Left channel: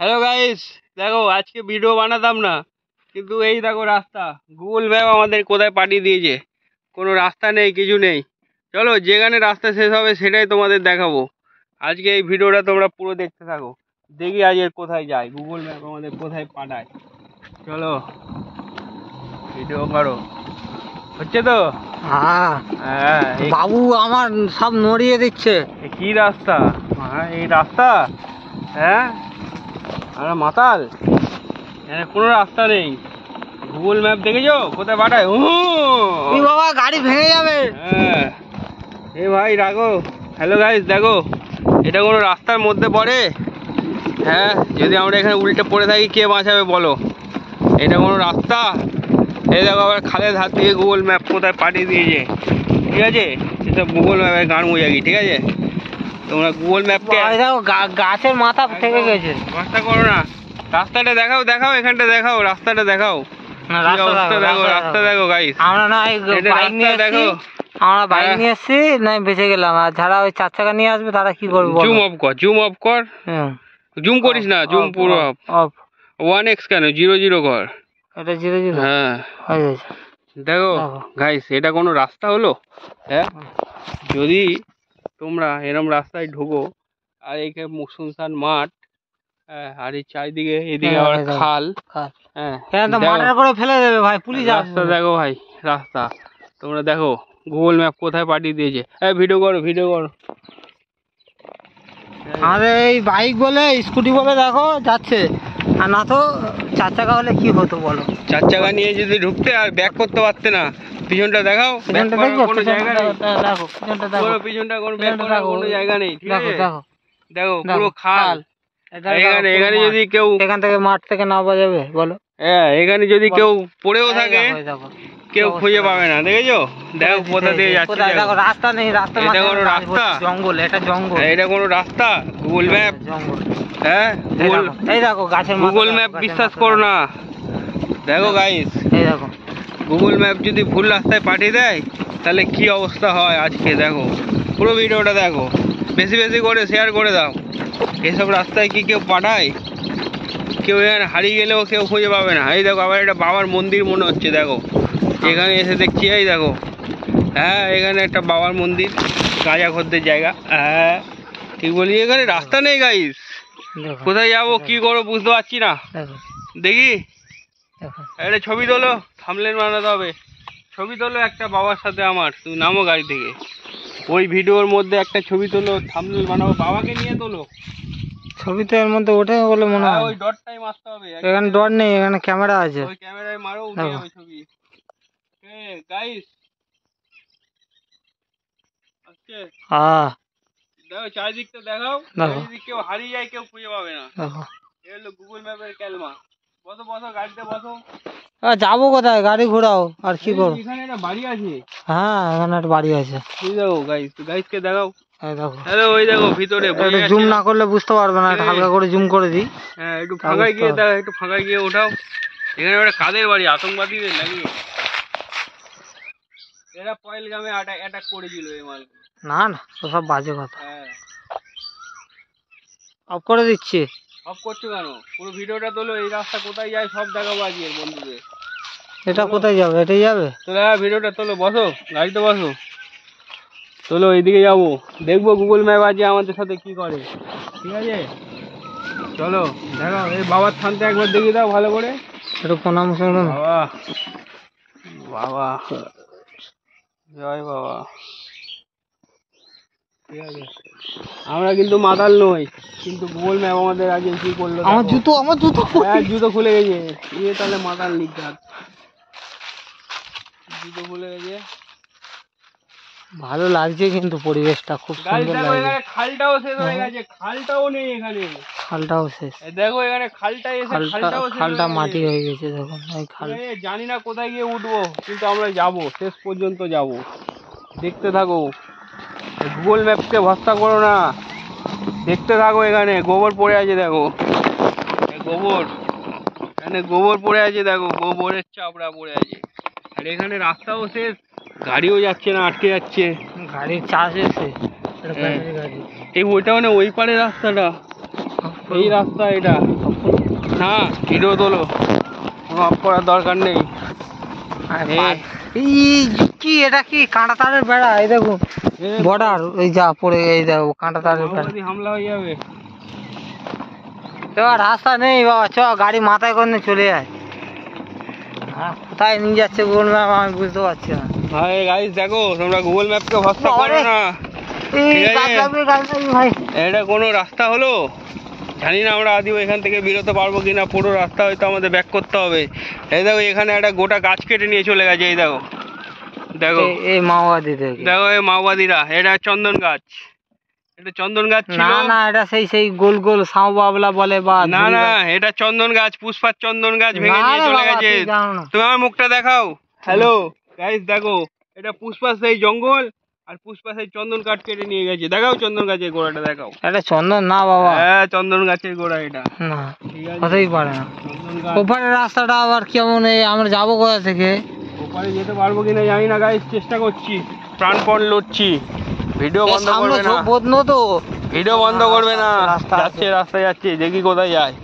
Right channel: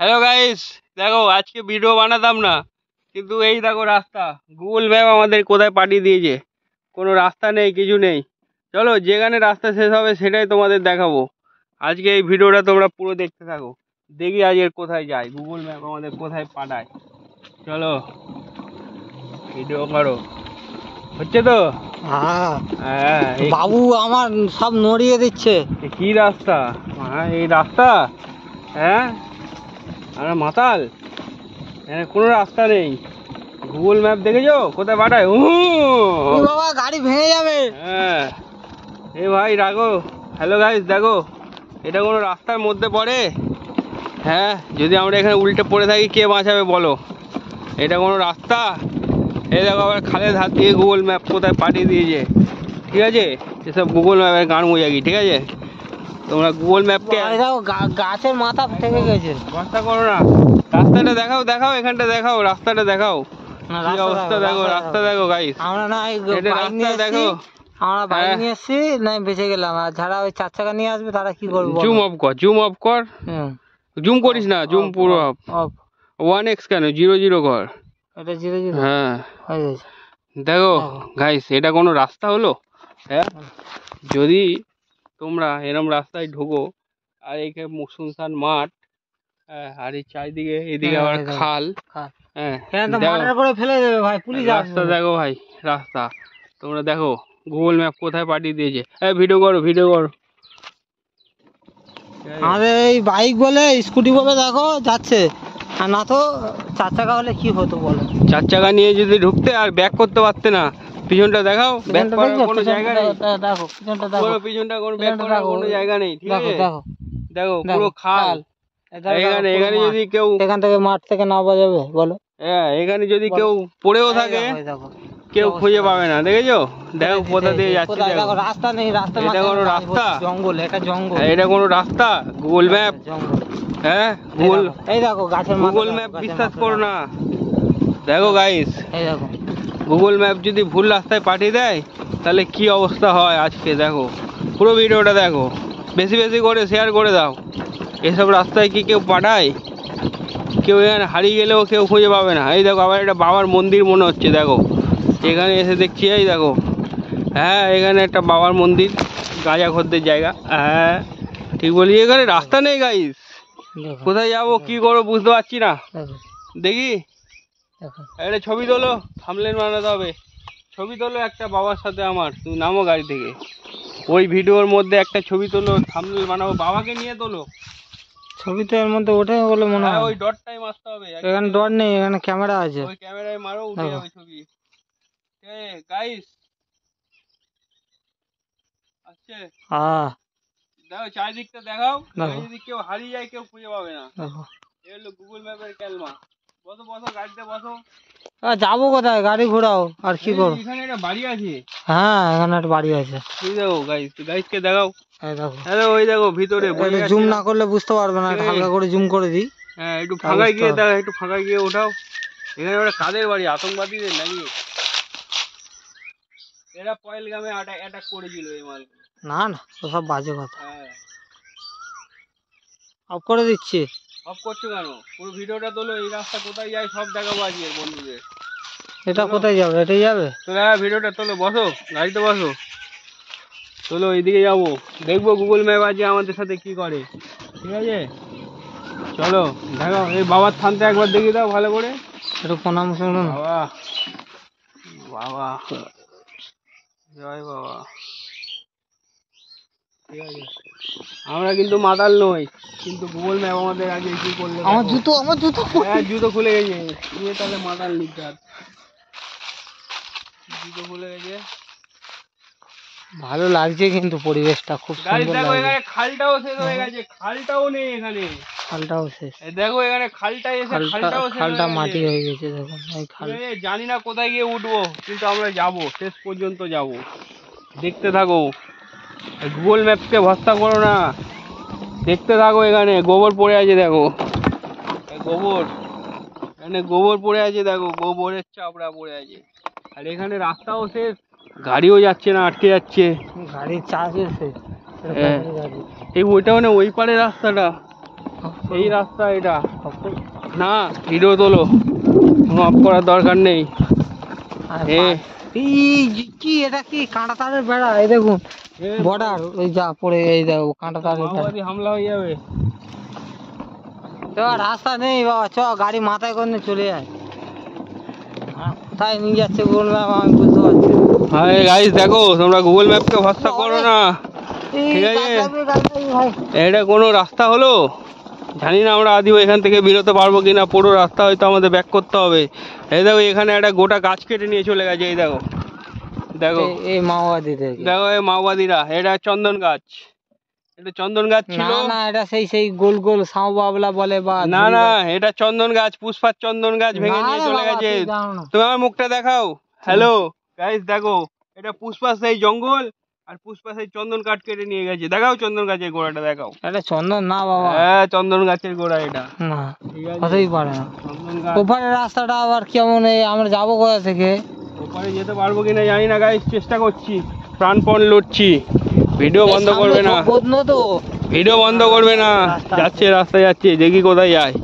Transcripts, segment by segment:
Hello guys, দেখো আজকে video বানাতাম না, কিন্তু এই দেখো রাস্তা। গুগল ম্যাপ আমাদের কোথায় পাঠিয়ে দিয়েছে। কোনো রাস্তা নেই, কিছু নেই। চলো যেখানে রাস্তা শেষ হবে সেটাই তোমাদের দেখাবো। আজকে এই ভিডিওটা তোমরা পুরো দেখতে থাকো। দেখি আজকে কোথায় যাই, গুগল ম্যাপ আমাদের কোথায় পাঠায়। চলো ভিডিও করো। হচ্ছে তো? হ্যাঁ, হ্যাঁ। বাবু আমার সব নড়িয়ে দিচ্ছে। কি রাস্তা? হ্যাঁ এই রাস্তা। হ্যাঁ আমরা মাতাল। হ্যাঁ কোনো রাস্তা নেই। গুগল ম্যাপ দেখেছো কোথায় পাঠায়? বাবা গাড়ি ভেঙে যাবে। হ্যাঁ এ ভাই রাখো। হ্যালো গাইস, দেখো এটা কোনো রাস্তার মধ্যে পড়ে? হ্যাঁ যদি আমরা এখানে উল্টে পড়ে থাকি কে বাঁচাবে বলো? এটা কোনো রাস্তা? এই দেখো আবার খালের ধার দিয়ে গুগল ম্যাপ কোথায় পাঠিয়ে দিয়েছে। ঠিক আছে, এসব গুগল ম্যাপের গান বোঝাকি। ঠিক আছে, তোমরা গুগল ম্যাপকে গাছের মাথা থেকে গেছে। রাস্তা করো না, রাস্তাটা দেখাও। দেখাও এখানটা দেখাও, রাস্তাটা দেখাও। রাস্তা দেখো গাইস। আমরা না বাইক নিয়ে দেখো, আমরা বাইক নিয়ে এসছি না বেঁচে গেলাম। আর যারা ওই 4 চাকা নিয়ে আসবে তারা কি করবে? জুম অফ কর, জুম অফ কর। জুম করিস না, জুম পুরো অফ। 1x কেন 0 কর। এটা 0 হ্যাঁ হয়ে গেছে। দেখো গাইস, এটা কোনো রাস্তা হলো? হ্যাঁ যদি তোমরা এরম রাস্তায় ঢোকো আর এইখানে শুনশান মাঠ, আর এই চারিদিকে এদিকে আবার খাল। হ্যাঁ করে ফেলে দেবে ভাই পুলিশ। রাস্তা দেখো ভাই, রাস্তা তোমরা দেখো গুগল ম্যাপ কোথায় পাঠিয়ে দিয়েছে। ভিডিও করো, ভিডিও করো। আমাদের এই বাইক বলে স্কুটি বলে দেখো যাচ্ছে, আর না তো 4 চাকা হলে কি হতো বলো? 4 চাকা নিয়ে যদি ঢুকতে আর ব্যাক করতে পারতে না। পিছনটা দেখাও, পিছনটা দেখো, কোনো জায়গা নেই। দেখো পিছনটা দেখো, পিছনটা কোনো ব্যাক করার কোনো জায়গা নেই। ঠিক আছে, দেখো দেখো পুরো খাল। এখানে এখানে যদি কেউ এখান থেকে মাঠ থেকে নামা যাবে বলো? হ্যাঁ এখানে যদি কেউ পড়েও থাকে কেউ খুঁজে পাবে না। দেখেছো, দেখো কোথা দিয়ে যাচ্ছে। দেখো রাস্তা নেই, রাস্তা এটা কোনো রাস্তা? জঙ্গল, এটা জঙ্গল। এটা কোনো রাস্তা? গুগল ম্যাপ জঙ্গল। হ্যাঁ গুগল, এই দেখো গাছের গুগল ম্যাপ বিশ্বাস করো না। দেখো গাইস, এই দেখো গুগল ম্যাপ যদি ভুল রাস্তায় পাঠিয়ে দেয় তাহলে কি অবস্থা হয় আজকে। দেখো পুরো ভিডিওটা দেখো, বেশি বেশি করে শেয়ার করে দাও। এসব রাস্তায় কি কেউ পাঠায়? কেউ এখানে হারিয়ে গেলেও কেউ খুঁজে পাবে না। এই দেখো আবার একটা বাবার মন্দির মনে হচ্ছে। দেখো এখানে এসে দেখছি, এই দেখো হ্যাঁ এখানে একটা বাবার মন্দির, গাঁজা খদ্দের জায়গা। হ্যাঁ ঠিক বলি, এখানে রাস্তা নেই গাইস। কোথায় যাবো কি করবো বুঝতে পারছি না। দেখি একটা ছবি তোলো, থামলেন বানাতে হবে। ছবি তোলো একটা বাবার সাথে আমার, তুমি নামো গাড়ি থেকে। ওই ভিডিওর মধ্যে একটা ছবি তোলো, থামলেন বানাবো, বাবাকে নিয়ে তোলো। ছবি তো এর মধ্যে ওঠে বলে মনে হয়। ওই ডটটাই মারতে হবে। এখানে ডট নেই, এখানে ক্যামেরা আছে। ওই ক্যামেরায় মারো, উঠে যাবে ছবি। গাইস আচ্ছা দেখো চারিদিকটা দেখাও। চারিদিক কেউ হারিয়ে যায় কেউ খুঁজে পাবে না। এই হলো গুগল ম্যাপের ক্যালমা। বসো বসো, গাড়িতে বসো। যাবো কোথায়? গাড়ি ঘোরাও আর কি করো? এখানে একটা বাড়ি আছে। হ্যাঁ এখানে একটা বাড়ি আছে। এই দেখো গাইস, গাইসকে দেখাও। এই দেখো, হ্যালো ওই দেখো ভিতরে। একটু জুম না করলে বুঝতে পারবে না, একটু হালকা করে জুম করে দিই। হ্যাঁ একটু ফাঁকায় গিয়ে দেখো, একটু ফাঁকায় গিয়ে ওঠাও। এখানে একটা কাদের বাড়ি? আতঙ্কবাদীদের নাকি? এরা পয়েলগামে অ্যাটাক করেছিল এই মালগুলো। না না ওসব বাজে কথা। হ্যাঁ অফ করে দিচ্ছি। অফ করছো কেন? পুরো ভিডিওটা তোলো। এই রাস্তা কোথায় যায় সব দেখাবো আজকে বন্ধুদের। এটা কোথায় যাবে? এটাই যাবে তো হ্যাঁ ভিডিওটা তোলো, বসো গাড়িতে বসো, চলো এইদিকে যাবো, দেখবো গুগল ম্যাপ আজকে আমাদের সাথে কি করে। ঠিক আছে চলো দেখো। এই বাবার থানতে একবার দেখিয়ে দাও ভালো করে। একটু প্রণাম শুনুন। বাবা বাবা জয় বাবা। ঠিক আছে, আমরা কিন্তু মাতাল নই, কিন্তু গুগল ম্যাপ আমাদের আগে কি করলো। আমার জুতো, আমার জুতো, হ্যাঁ জুতো খুলে গেছে। ইয়ে তাহলে মাতাল লিখতে, জুতো খুলে গেছে। ভালো লাগছে কিন্তু পরিবেশটা খুব সুন্দর দেখো লাগছে। এখানে খালটাও শেষ হয়ে গেছে, খালটাও নেই এখানে। খালটাও শেষ। দেখো এখানে খালটা এসে খালটা মাটি হয়ে গেছে। দেখুন এই খাল। জানি না কোথায় গিয়ে উঠবো, কিন্তু আমরা যাবো, শেষ পর্যন্ত যাবো। দেখতে থাকো, গুগল ম্যাপকে ভরসা করো না, দেখতে থাকো। এখানে গোবর পড়ে আছে দেখো, গোবর, এখানে গোবর পড়ে আছে দেখো, গোবরের চাপড়া পড়ে আছে। আর এখানে রাস্তাও শেষ, গাড়িও যাচ্ছে না, আটকে যাচ্ছে। গাড়ির চাষ এসে এই ওইটা মানে ওই পারে রাস্তাটা, এই রাস্তা এটা। না ভিডিও তোলো, অফ করার দরকার নেই। কি এটা কি কাঁটা তারের বেড়া? এই দেখুন বর্ডার, এই যা পড়ে, এই দেখো কাঁটা তারের বেড়া, হামলা হয়ে যাবে। এবার রাস্তা নেই বাবা, চ গাড়ি মাথায় করে নিয়ে চলে যায়। কোথায় নিয়ে যাচ্ছে গুগল ম্যাপ আমি বুঝতে পারছি না। ভাই গাইস দেখো, তোমরা গুগল ম্যাপকে ভরসা করো না। এটা কোনো রাস্তা হলো? জানি না আমরা আদিও এখান থেকে বেরোতে পারবো কিনা, পুরো রাস্তা হয়তো আমাদের ব্যাক করতে হবে। এই দেখো এখানে একটা গোটা গাছ কেটে নিয়ে চলে গেছে। এই দেখো দেখো এই মাওবাদী, দেখো এই মাওবাদীরা, এটা চন্দন গাছ, এটা চন্দন গাছ ছিল না। না এটা সেই গোল গোল সাউ বাবলা বলে বা না না, এটা চন্দন গাছ, পুষ্পার চন্দন গাছ ভেঙে নিয়ে চলে গেছে। তুমি আমার মুখটা দেখাও। হ্যালো গাইস দেখো, এটা পুষ্পা সেই জঙ্গল আর পুষ্পা সেই চন্দন কাঠ কেটে নিয়ে গেছে। দেখাও চন্দন গাছের গোড়াটা দেখাও। এটা চন্দন না বাবা, হ্যাঁ চন্দন গাছের গোড়া এটা। না হতেই পারে না। ওপারে রাস্তাটা আবার কেমন, আমরা যাবো কোথা থেকে? ওপারে যেতে পারবো কিনা জানি না গাইস, চেষ্টা করছি, প্রাণপণ লড়ছি। ভিডিও বন্ধ করবে না, তো ভিডিও বন্ধ করবে না। যাচ্ছে রাস্তায় যাচ্ছে, দেখি কোথায় যায়।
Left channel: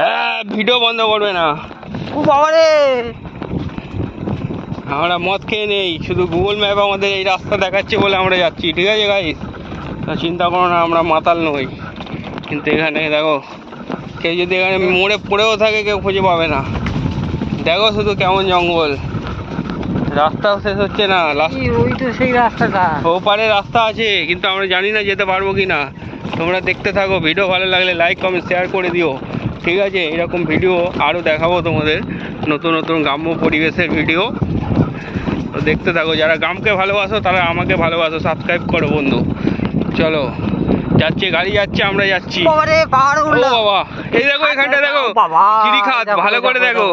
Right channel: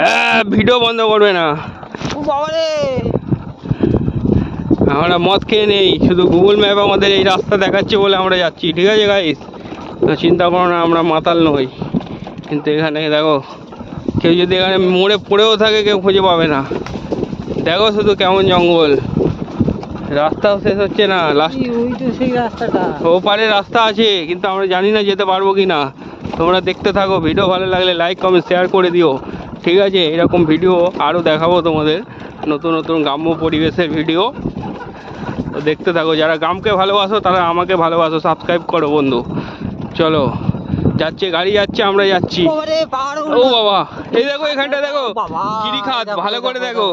হ্যাঁ ভিডিও বন্ধ করবে না। ও বাবা রে, আমরা মদ খেয়ে নেই, শুধু গুগল ম্যাপ আমাদের এই রাস্তা দেখাচ্ছে বলে আমরা যাচ্ছি, ঠিক আছে গাইস? তো চিন্তা করো না, আমরা মাতাল নই। কিন্তু এখানে দেখো, কেউ যদি এখানে মোড়ে পড়েও থাকে কেউ খুঁজে পাবে না। দেখো শুধু কেমন জঙ্গল, রাস্তাও শেষ হচ্ছে না। ওই তো সেই রাস্তাটা, ওপারে রাস্তা আছে কিন্তু আমরা জানি না যেতে পারবো কিনা। তোমরা দেখতে থাকো, ভিডিও ভালো লাগলে লাইক কমেন্ট শেয়ার করে দিও, ঠিক আছে? এরকম ভিডিও আরও দেখাবো তোমাদের, নতুন নতুন গ্রাম্য পরিবেশের ভিডিও। তো দেখতে থাকো, যারা গ্রামকে ভালোবাসো তারা আমাকে ভালোবাসো, সাবস্ক্রাইব করো বন্ধু। চলো যাচ্ছে, গাড়ি যাচ্ছে, আমরা যাচ্ছি। ও বাবা, এই দেখো এখানটা দেখো গিরিখাত, ভালো করে দেখো।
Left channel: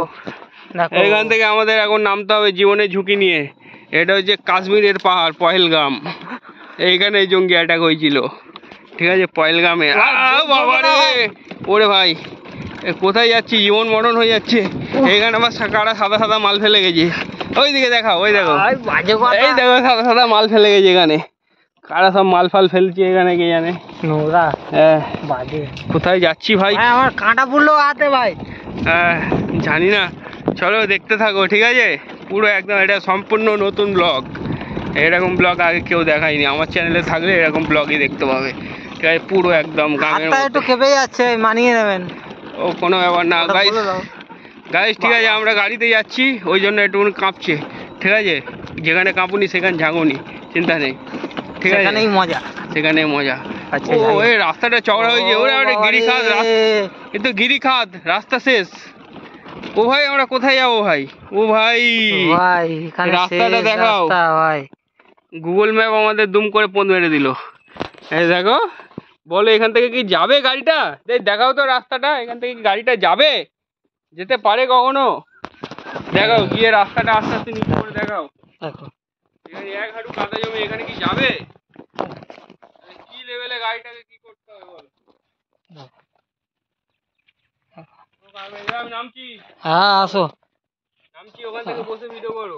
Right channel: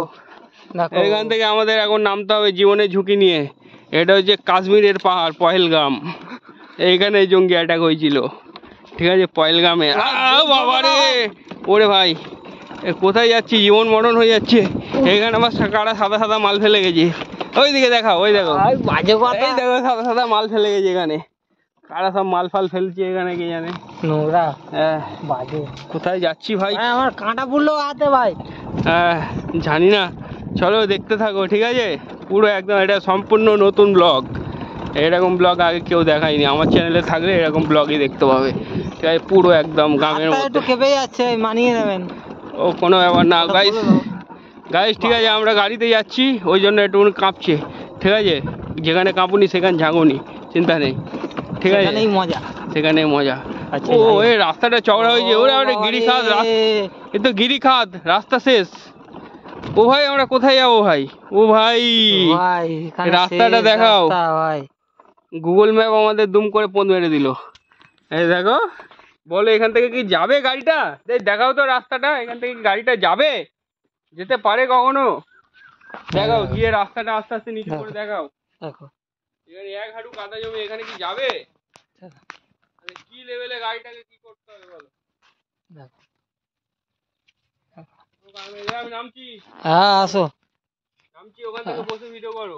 এখান থেকে আমাদের এখন নামতে হবে জীবনের ঝুঁকি নিয়ে। এটা হচ্ছে কাশ্মীরের পাহাড় পহেলগাম, এইখানে জঙ্গি অ্যাটাক হয়েছিল, ঠিক আছে? পহেলগামে। বাবা রে, ওরে ভাই কোথায় যাচ্ছি, জীবন মরণ হয়ে যাচ্ছে। এখানে আবার কারা সাদা সাদা মাল ফেলে গেছে, ওইদিকে দেখাও, ওই দেখো, এই দেখো সাদা সাদা মাল ফেলে গেছে এখানে। কারা সব মাল ফাল ফেলছে এখানে কে জানে, নোংরা। হ্যাঁ বাজে। কোথায় যাচ্ছি ভাই? আমার কাঁটা পড়লো হাতে ভাই। হ্যাঁ জানি না, চলো দেখতে থাকো, ঠিক আছে? পুরো একদম এটা সম্পূর্ণ নতুন ব্লগ, এরকম ব্লগ আগে কেউ দেখায়নি। আমার চ্যানেলে থাকলে এরকম ব্লগই দেখতে পাবে, ঠিক আছে? পুরো একদম গ্রামের মধ্যে। একটু কেঁপে যাচ্ছে, মানিয়ে নেবেন। ও কোনো ব্যাপার না গাইস, গাইস ঠিক আছে? আমরা গাড়িতে যাচ্ছি ওই জন্য একটু কাঁপছে, ঠিক আছে? যেখানে কাঁপুনি সেখানে ঝাঁকুনি, চিন্তা নেই, ঠিক আছে? সেখানেই মজা, সেখানেই মজা। ও এই রাস্তাটা চওড়া হয়েছে, ওরে একটা গিরিখাত, কিন্তু গিরিখাত রাস্তা শেষ। ও ভাই আমরা কোথায় যাবো ভাই? ও ভাই রাস্তাটা দেখাও। গুগল ম্যাপ আমাদের দুম করে পথ মেরে দিল। এই দেখো, বলো এখান থেকে কি যাবে গাড়িটা? দেখাও তো রাস্তাটা, এখান থেকে কি গাড়িটা যাবে, যেতে পারে কখনো? দেখাও গিয়ে রাস্তাটা আস্তে আস্তে নিচে করে দেখাও। এখানে এক হাঁটু কাদা জমি, এখানে কি যাবে? কি লেভেলে গাড়িটাকে কি করতে হবে বলো? নামছি, হ্যাঁ আসো, নামছি, ওখান থেকে বসে ভিডিও করো।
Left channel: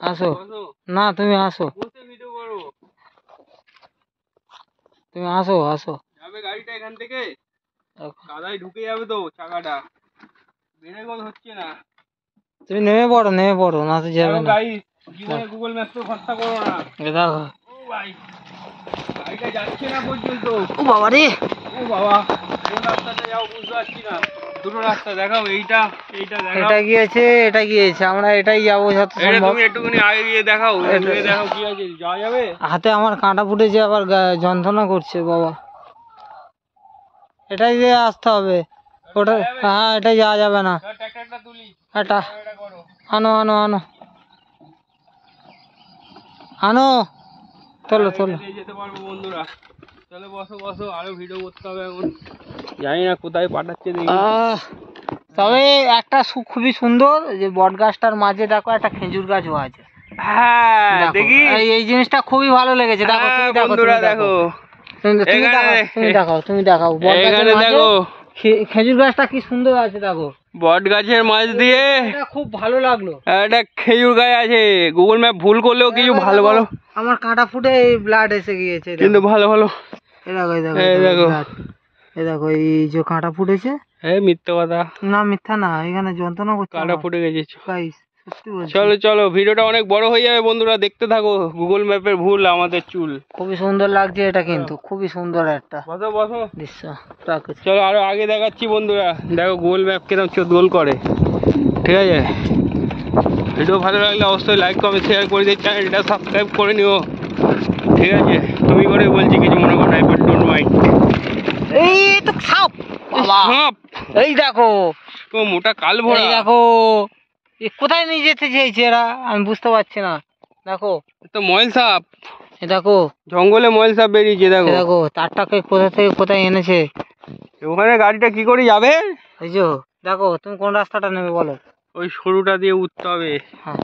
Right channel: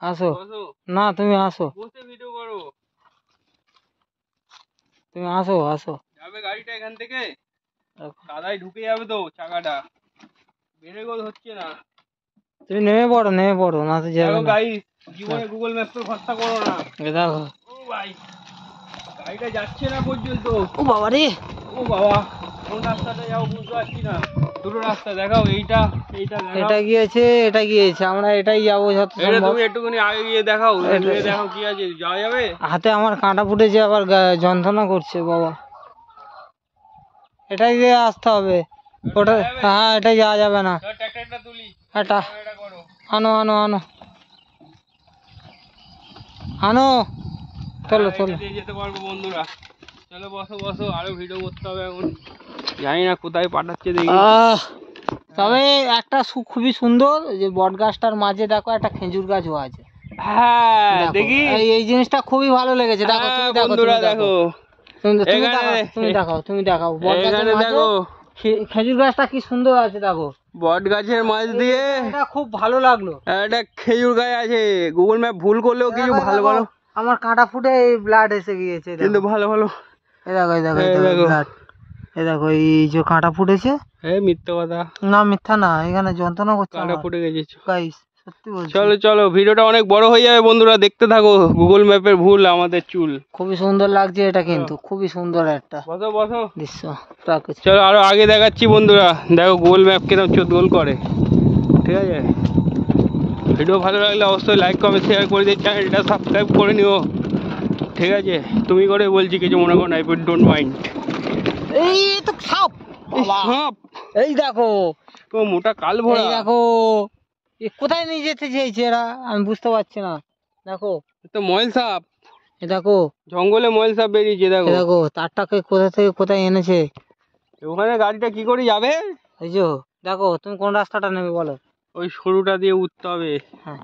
আসো না, তুমি আসো, বসে ভিডিও করো, তুমি আসো আসো। যাবে গাড়িটা এখান থেকে? কাদায় ঢুকে যাবে তো চাকাটা, ব্রেকও হচ্ছে না। তুমি নেমে পড়ো, না তো যাবে না। গাড়ি জীবনে গুগল ম্যাপে ভরসা করো না। দেখো ও ভাই গাড়িটা যাচ্ছে না পর্যন্ত। ও বাবা রে, ও বাবা, কোন রাস্তাটা যাও বুঝতে পারছি না। দুটো রাস্তা দেখাও, এইটা এইটা দেখাও। এটা গিয়েছে, আমরা এটাই যাবো যত সম্ভব। তুমি একটুখানি আগে গিয়ে দেখাও, দেখাও কি আছে, যাওয়া যাবে? হাতে আমার কাঁটা ফুটেছে, আবার যন্ত্রণা করছে বাবা। এটাই দিয়ে আসতে হবে। ওটা হ্যাঁ, এটাই যাওয়া যাবে না। ট্র্যাক্টরটা তুলি, এটা করো। আনো চলো যেতে পারবো বন্ধুরা, চলো বসো, আরো ভিডিও করতে হবে এখন। জানি না কোথায় পাঠাচ্ছে দেখি। তবে একটা খুবই সুন্দর যে বট গাছটার মাঝে দেখো একটা খেজুর গাছও আছে। হ্যাঁ দেখি, এই জিনিসটা খুবই ভালো লেগেছে। দেখো বন্ধুরা, দেখো তুমি দেখাও এখানে দেখো খেজুর গাছটা কি সুন্দর আছে। দেখো বট গাছের মাঝ দিয়ে খুব ভালো লাগলো, একটা খেজুর গাছ আছে। গুগল ম্যাপ ভুল করলেও কিছু ভালো ভালো, আমার কাঁটা ফুটে ব্লাড এসে গিয়েছে, কিন্তু ভালো ভালো। দেখো এই দেখো এই যে কাঁটা ফুটেছে। এই মিথ্যা কথা, না মিথ্যা না, এখানে যন্ত্রণা করছে কাঁটা ফুটে গেছে। গাইস সত্যি বলছি। চলো চলো, ভিডিওটা অনেক বড় হয়ে যাবে বন্ধুরা, দেখতে থাকো। গুগল ম্যাপের ভুল আমাদের চুল। খুবই সুন্দর লাগছে এটা, কিন্তু খুবই সুন্দর একটা বসো বসো দৃশ্য। চলো আরো আগে দেখাচ্ছি বন্ধুরা, দেখো গুগল ম্যাপ কিরকম চোদ্দোল করে। ঠিক আছে, ভিডিও ভালো লাগলে অবশ্যই লাইক কমেন্ট শেয়ার করে দিয়ে চ্যানেলটা সাবস্ক্রাইব করে নিও। ঠিক আছে, তুমি করে বলছি, কিছু মনে করো, আই ডোন্ট মাইন্ড। এই তো সাপ বাবা, সাপ, এই দেখো ও মোটা কাল ভরা। এই দেখো এ কোথায় নিয়ে যেতে চাইছে এরা, আমি বুঝতে পারছি না। দেখো তো ময়েল সাপ, এ দেখো জঙ্গলে ময়েল সাপ বেরিয়েছে। দেখো দেখো তারটাকে কোথা থেকে কোথায় এনেছে। ওখানে গাড়িটা কি করে যাবে? এই যে দেখো, তুমি কোন রাস্তাটা নেবে বলো? ওই সরুটা দিয়ে উঠতে হবে। হ্যাঁ,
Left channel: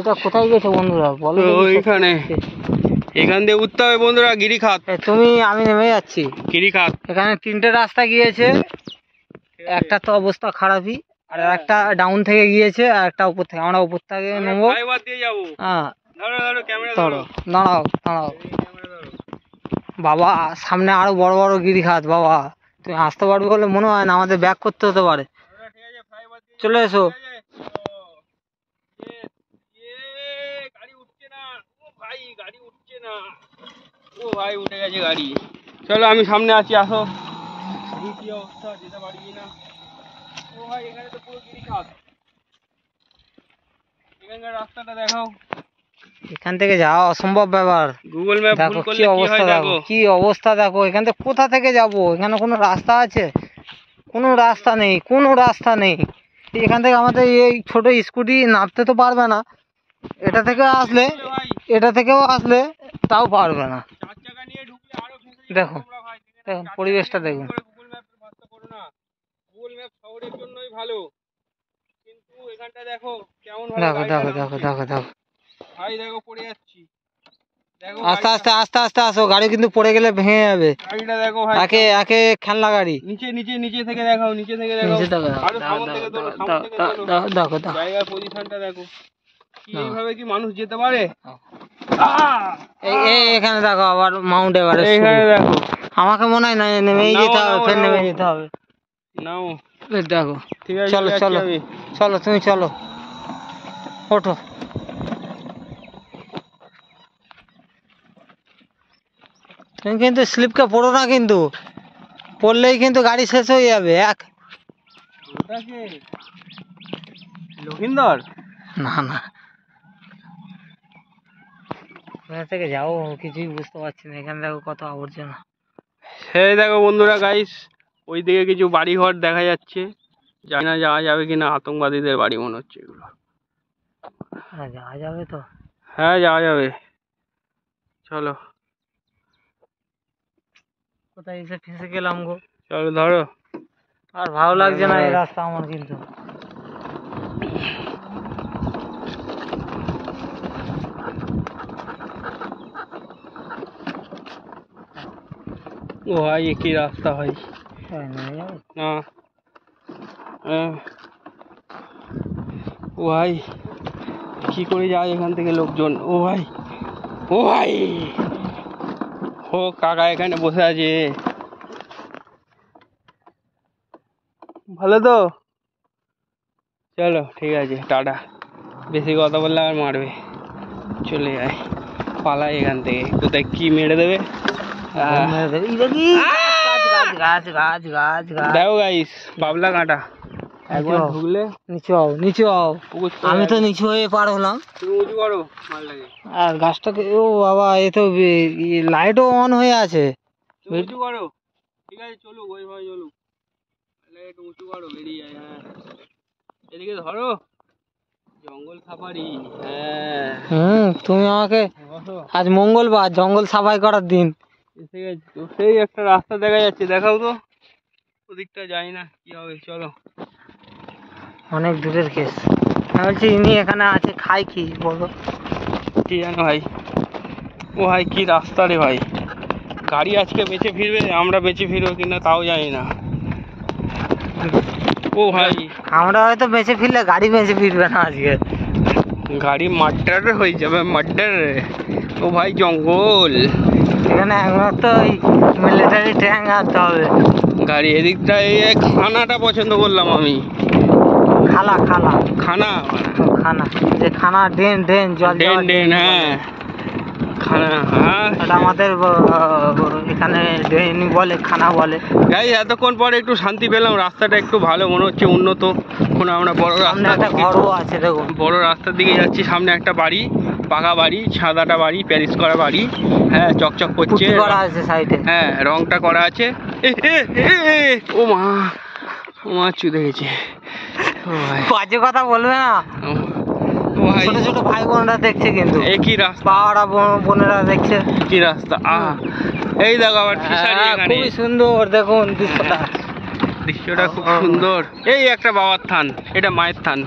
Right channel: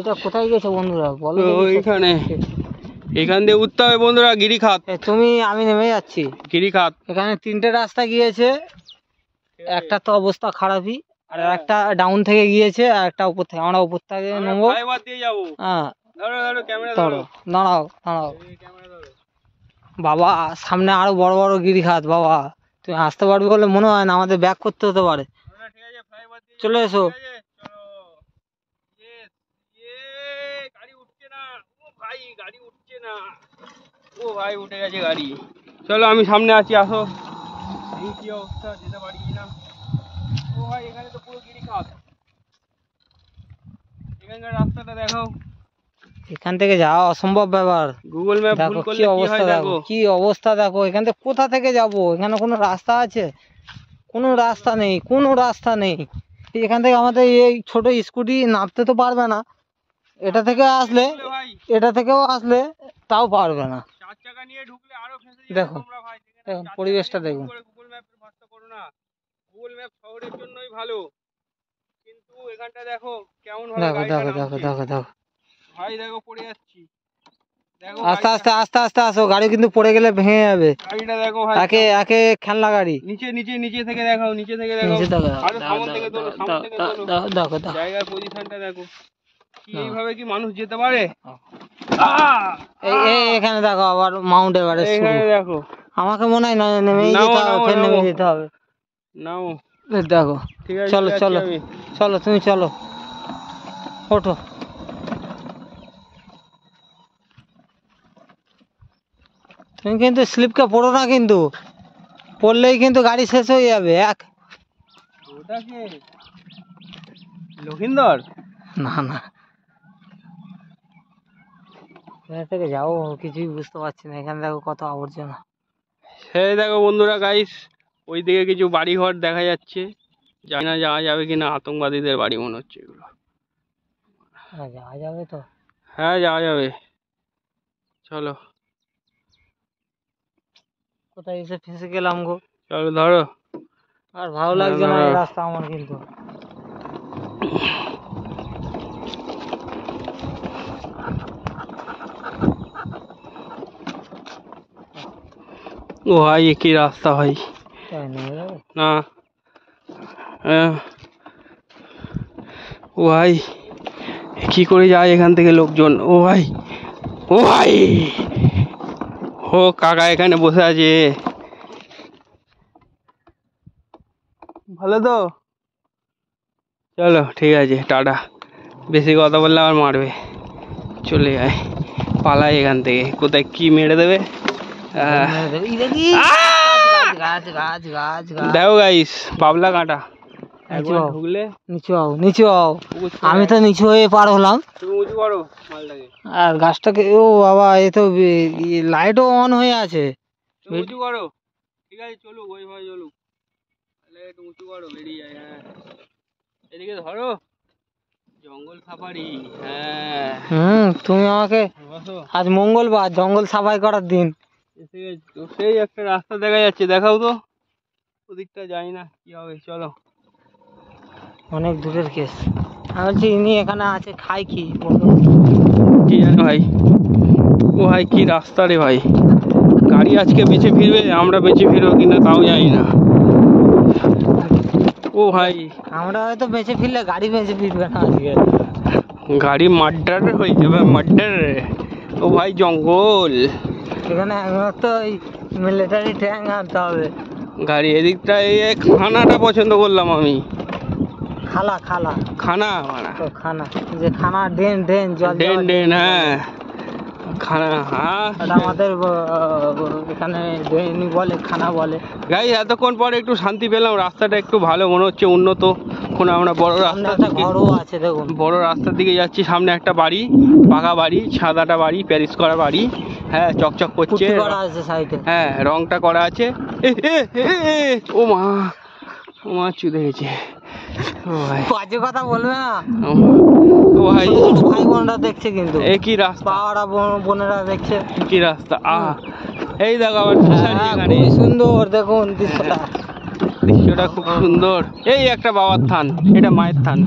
এটা কোথায় গেছে বন্ধুরা বলো? ওইখানে, এখান দিয়ে উঠতে হবে বন্ধুরা, গিরিখাত। তুমি আমি নেমে যাচ্ছি গিরিখাত। এখানে 3টে রাস্তা গিয়েছে, একটা তো অবস্থা খারাপই, আর একটা ডাউন থেকে গিয়েছে, আর একটা উপর থেকে। আমরা উপর থেকে নেবো। হ্যাঁ ধরো, দাঁড়াও দাঁড়াও বাবা, সামনে আরো বড় বড় গিরিখাত। বাবা তুমি আসতে পারবে বলে মনে হয় না, আমাদের ব্যাক করতে হতে পারে। চলে এসো। ও ভাই উঠে গেছে গাড়ি। চলো আমি সামনে আছি, আসো। কি অবস্থা, যেতে পারি না। ও ভাই এখানে তো পুরো গিরিখাত। এখানকার রাস্তাটা দেখাও। এখান থেকে যাওয়া অসম্ভব ব্যাপার। গুগল ম্যাপ ভুল করলে কি অবস্থা দেখো, কি অবস্থা দেখো। এখান থেকে কোথা থেকে যাব? এখানে কোনো রাস্তা আছে? কোনো রাস্তা নেই, কোনো রাস্তা নেই। এখান থেকে আমাদের এই ছোট স্কুটি নামতে তো পারবে না। এটা থেকে আসলে, এটা থেকেও আসলে তাও পারবে না। দেখো দেখুন পরিবেশটা দেখুন। গুগল ম্যাপ ভরসা করো না, গুগল ম্যাপ শহরের জন্যই ভালো, কিন্তু এখানটা দেখো কেমন ভাবে। দেখো দেখো দেখো দেখো দেখো ভাই দেখো পড়ে যাচ্ছি। দেখো আস্তে আস্তে আস্তে আস্তে আসো, গাড়ি কিন্তু পড়ে গেলে ভেঙে যাবে। গাড়িটা দেখো ভাই, একে একে খেলনা গাড়ি। নিচে নিচে নিচে থেকে দেখাও, নিচে থেকে দেখাও। নিচে দেখো, আরো সামনে থেকে তোলো, সামনে থেকে তোলো। দেখো দেখো দেখো জায়গার পজিশনটা দেখো। কি এইভাবে কি মানুষ যেতে পারে? এখানে দেখো আবার মাউন্ট এভারেস্ট শুরু। এইখানে দেখো, আমাকে মনে হয় না নেমেই যেতে হবে, ফের নেমে যেতে হবে। নাও দেখো ঠিক আছে, চলো চলো চলো, তুমি চলো, ওঠো। তুমি কিন্তু স্লিপকে পড়ো না, কিন্তু পড়লেই কিন্তু গাড়ি শেষ হয়ে যাবে। ওটা কে? লক্ষিন্দর? না না, এখান থেকে যাও কিছুই বুঝতে পারছি না। এখানে দেখো কত আবর্জনা। সেই দেখো বন্ধুরা গাইস, ওইদিকে কিছু বাড়ি ঘর দেখা যাচ্ছে। জানি না যাওয়া যাবে কিনা, আতঙ্কবাদীদের বাড়ি মনে হচ্ছে এগুলো। যাওয়া যাবে তো? হ্যাঁ যাওয়া যাবে, চলো। কোথায় এসে ফেঁসে গেলাম গো। চলো ধরো। আর ভালো লাগছে না এই রাস্তা আমার, কিন্তু ও ভাই এ কি রাস্তা ভাই, না ও ভাই কি করে যায় এখান থেকে লোকজন? ও ভাই, ও ভাই, ও কাকা এখানে বসে আছে। ভালো তো? চলো ঠিক আছে, টাটা। বেশি কথা বললে আমার মারবে। চলে যায়, পালাই এখান থেকে, কোথায় কি মেরে দেবে। দেখো গাইস, বাবলা কাঁটা। ঢুকলে নিচু হও, নিচু হও। আমি তো নিচু হয়ে পার হলাম। তুমি উঁচু করো মালটাকে। আর গাছটাকে, ও বাবা, এ তো লাইটও অন হয়ে আছে। তুমি উঁচু করো, ঠিক আছে চলুক, ওইভাবে চলুক। একটু উঁচু করো, বেরিয়ে যায়। হ্যাঁ এদিকে ধরো, জঙ্গল সাফারি। হ্যাঁ তুমি আমাকে, আজ মঙ্গলবার, জঙ্গল সাফাই করার দিন। সেই একটা রাস্তা দেখা যাচ্ছে, দেখাও তো। ওদিকটা যাই না, কি হবে, চলো। অনেক দূরের কেস। আমি বলছি ইনি এখানে আছে, খাই কি বলো? কি জানো ভাই, ও ভাই কি রাস্তা রে ভাই। গাড়ি আজকে বেঁচে ফিরবে, আমরা বেঁচে ফিরবো কিনা তাও জানি না। ও ভাই আমরা হয়তো বেঁচে ফিরলে গাড়ি বেঁচে ফিরবে না আজকে। গাড়ি মার্ডার হয়ে যাবে, মার্ডার। ও ভাই জঙ্গল, এখানে একমাত্র ওই মিলিটারি ট্যাঙ্ক আনতে হবে। গাড়ি এদিকটা এই খানাটা পছন্দ করলাম আমি। খালা খালা খানা খানা যে খানা ড্রেন ড্রেন জল ড্রেন ড্রেন, হ্যাঁ খানা, হ্যাঁ এটা আমাদের এখানে ড্রেন বলে, খানা বলে। গাইস এতক্ষণ পরে একটু শান্তি পেলাম, রাস্তাটা একটু ভালো মনে হচ্ছে, উন্নত। কোনো আমরা বড় সামনে রাস্তা, একটা ঘরও আছে দেখুন, বড় রাস্তার দিকে যাচ্ছি। সামনে একটা বাড়ি, পাকা বাড়ি, সাদাটা বাড়ি, প্যারিস করা বাড়ি, হ্যাঁ চকচক করছে, পুটি করা আছে সাইডে, হ্যাঁ রংটা করা আছে। ও মা, ও মা চুদে গেছে। বাজে কথা বলবে না, ও ভাই, ছোট ছোট ভাই বোনরা দেখছে কিন্তু, এ কি রাস্তা, পাড়া বোনেরা দেখছে কি রাস্তা। এই দেখো আবার খুবই সুন্দর, দেখুন দৃশ্যটা, দৃশ্যটা খুব সুন্দর। এই একটা বাবার থান, এটা মায়ের থান,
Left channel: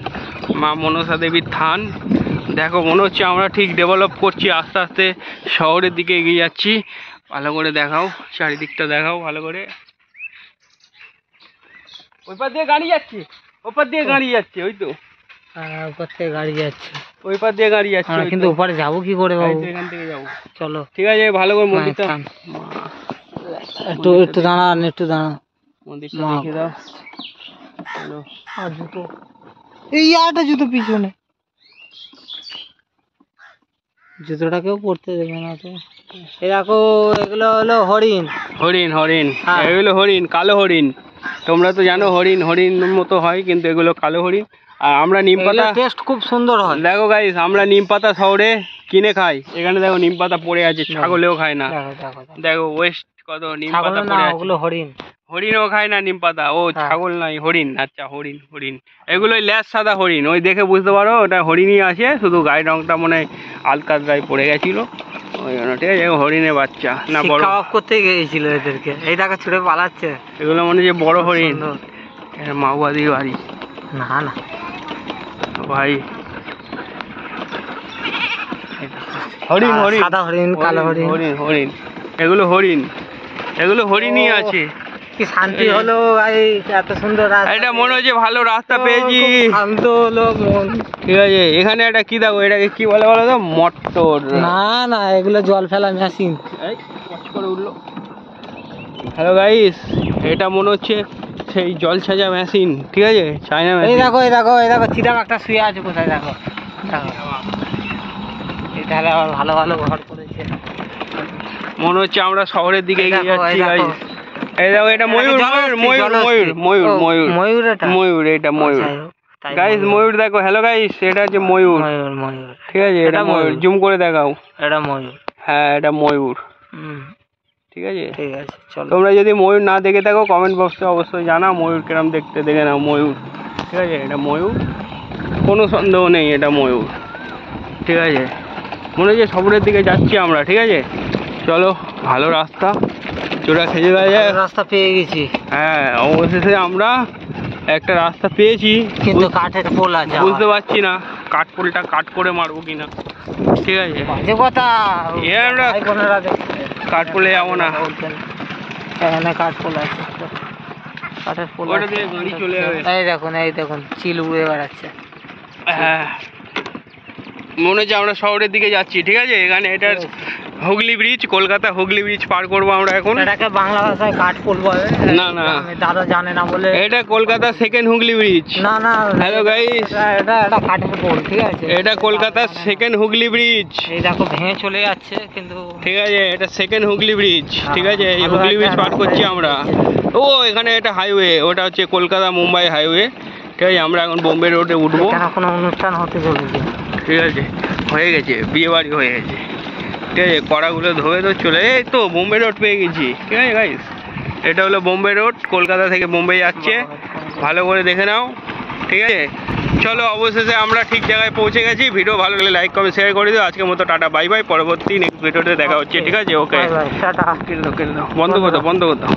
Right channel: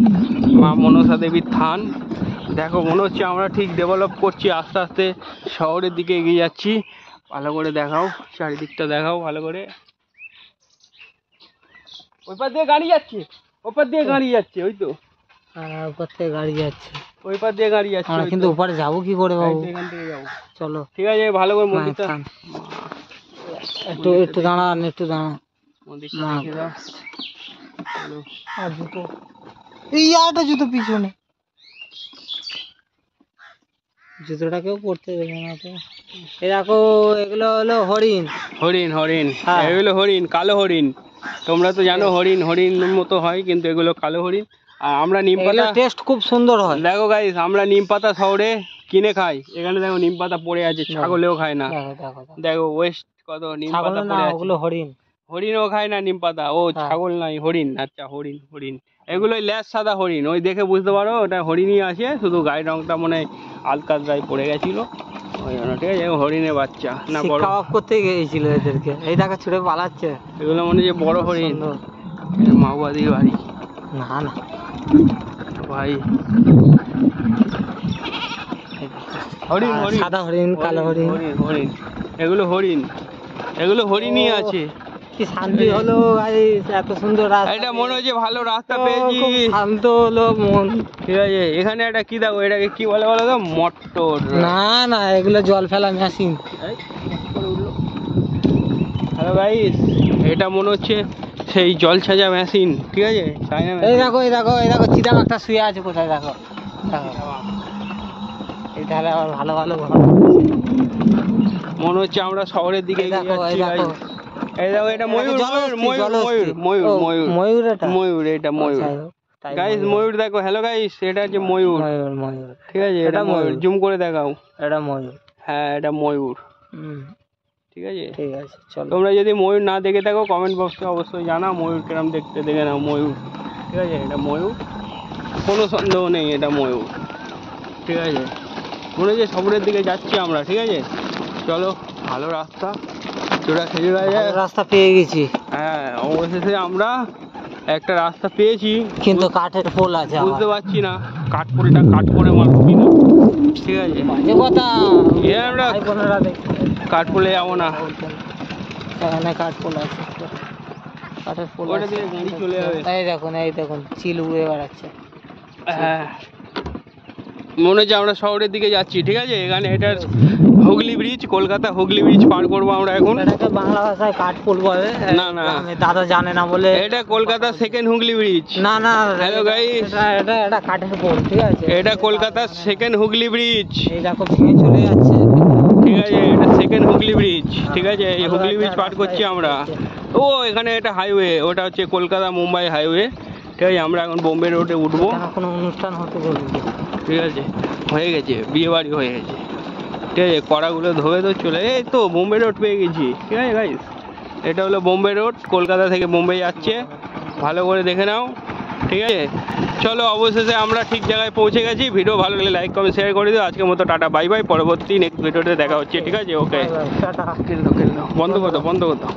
মা মনসা দেবীর থান। দেখো মনে হচ্ছে আমরা ঠিক ডেভেলপ করছি, আস্তে আস্তে শহরের দিকে এগিয়ে যাচ্ছি। ভালো করে দেখাও, চারিদিকটা দেখাও ভালো করে। ওই পার দিয়ে গাড়ি যাচ্ছে, ওপার দিয়ে গাড়ি যাচ্ছে, ওই তো উপর থেকে গাড়ি যাচ্ছে, ওই পার দিয়ে গাড়ি যাচ্ছে। আমরা কিন্তু ওপারে যাবো কি করে বাবু? এখান থেকে যাবো, চলো ঠিক আছে। ভালো করে মন্দিরটা, একটু একটু দাঁড়ান, একটু দাঁড়ান। মন্দিরটা দেখে দাও। আর জুতো, এই আরেকটা জুতো পিছনে, জুতোটা কেউ পড়তে দেবে না তো। এই দেখো এগুলো হলো হরিণ, হরিণ, হরিণ, হ্যাঁ। এগুলো হরিণ, কালো হরিণ। তোমরা তো জানো হরিণ হরিণ মতো হয়, কিন্তু এগুলো কালো হরিণ। আর আমরা নিম পাতা, টেস্ট খুব সুন্দর হয়। দেখো গাইস, আমরা নিম পাতা শহরে কিনে খাই, এখানে দেখো নিম পাতা পড়ে আছে, ছাগলেও খায় না। দেখো ওয়েস্ট কত নিম পাতা পড়ে আছে। ওগুলো হরিণ, হরিণও খায় না নিম পাতা, ও ছাগল নাই, হরিণ, আচ্ছা হরিণ, হরিণ। এগুলোই ল্যাস সাদা হরিণ, ওই দেখে বুঝতে পারো ওটা হরিণই আছে, শুধু গায়ের রংটা মনে হয় আলকাতরায় পড়ে গেছিল ওই জন্য, ঠিক আছে। হরিণের বাচ্চা না, বড় খাওয়া করতে গিয়েছিল এদেরকে, এই দেখো ছুটে পালাচ্ছে। এগুলো মনে হচ্ছে বড় হরিণ, মাওবাদীর বাড়ি। না না ভাই, হরিণ, হরিণ, সাদা হরিণ, কালো হরিণ, হরিণ, হরিণ, এগুলো হরিণ, এগুলো হরিণই আছে। কি শান্তি হলো ভাই, এত সুন্দর রাস্তা। এটা মনে হচ্ছে ভালো রাস্তা পেয়েছি, শান্ত হলো মন, ঠিক আছে। এখানে একটা কি দেখো, এটাকে কি বলে বলো তো, মোটর। না না এগুলো জল ফেলা মেশিন। হ্যালো গাইস, এটা মনে হচ্ছে সেই জল ছাজা মেশিন, ঠিক আছে, চাইনা এই মেশিন। দেখো, এই দেখো, এই দেখো চিতাম একটা শুয়ে আছে কোথায়, দেখো দেখো, এই ধারে আবার ভালো ভালো ঘর করেছে। মনে হচ্ছে আমরা শহরের দিকে এই এগিয়ে দেখো, এই যাচ্ছি দেখো, guys। এই দেখো, এটা ময়ূর, ময়ূর, ময়ূর, ময়ূর, ময়ূর, ময়ূর, এটা ময়ূর, এটা ময়ূর গাইস, ময়ূর দেখো। হ্যালো গাইস, এটা হচ্ছে ময়ূর, ময়ূর, ময়ূর, ঠিক আছে, এটা ময়ূর, জুম করে দেখাও। এটা ময়ূর, হ্যাঁ এটা ময়ূর, ঠিক আছে। ঠিক আছে চলো। তোমরা যদি ময়ূর না দেখে থাকো কমেন্ট বক্সে অবশ্যই জানাও ময়ূর কিরম দেখতে, দেখে নাও ময়ূর, ঠিক আছে। এটা ময়ূর, কোনো সন্দেহ নেই, এটা ময়ূর, ঠিক আছে। মনে হচ্ছে শহরের দিকে যাচ্ছি আমরা, ঠিক আছে। চলো, ভালো রাস্তা, চোরা খেয়ে দেওয়া যায়, রাস্তা পেয়ে গেছি। হ্যাঁ অবশেষে আমরা একটা রাস্তা পেয়েছি, কিন্তু কাঠের পোল আছে, বুঝতে পারছি না কাঠ পোলটা কাট করে মারবো কিনা, ঠিক আছে। যে কথা আমরা ভাই বোনেরা দেখছে, কাঠ পোলে যাবো না, এখানে কাঠ পোল আছে, কাঠের পোল ওটা দিয়ে গাড়ি চলে যাবে। এই দেখুন, এই দেখুন চিল উড়ে বেড়াচ্ছে। হ্যাঁ মনে হচ্ছে আমরা শহরের দিকে যাচ্ছি, ঠিক আছে। এখানে এটা হুগলি ব্রিজ, কলকাতা হুগলি ব্রিজ পার করবো আমরা এখন। এটাকে বাংলা ভাষায় কাঠ পোল বলে, না না দাদা জানে না বলে। এটা কলকাতা সেকেন্ড হুগলি ব্রিজ। না না হ্যালো গাইস, এটা এটা কাঠের পোল, ঠিক আছে। এটা কলকাতার সেকেন্ড হুগলি ব্রিজ, এই দেখো ভেঙে চলে যাচ্ছে কিন্তু, ঠিক আছে। এটা সেকেন্ড হুগলি ব্রিজ, ঠিক আছে। এই হুগলি ব্রিজ পার করছি আমরা। ও এখানে একটা হাইওয়ে, ওটা হচ্ছে কলকাতা মুম্বাই হাইওয়ে, ঠিক আছে। আমরা এখন বোম্বে রোডে উঠবো, এখানে কোনো অনুষ্ঠান হতে চলেছে, ঠিক আছে। হয়ে গেছে, বিয়ে বাড়ি হয়ে গেছে, ঠিক আছে। কড়াগুলো ধোয়ে তো চলে, এই তো বোম্বে রোড পেয়ে গেছি, ঠিক আছে গাইস। এটা হলো বোম্বে রোড, কলকাতা থেকে বোম্বে যাচ্ছে, ভালো করে দেখে নাও, ঠিক আছে। চলো অবশেষে আমরা ঠিক জায়গায় পৌঁছে গেছি। ভিডিও ভালো লাগলে লাইক কমেন্ট শেয়ার করে দিও। আজকের মতো টাটা বাই বাই, পরবর্তী নেক্সট ভিডিওতে দেখা হচ্ছে, ঠিক আছে। ওকে, টাটা। বন্ধ করো, বন্ধ করো।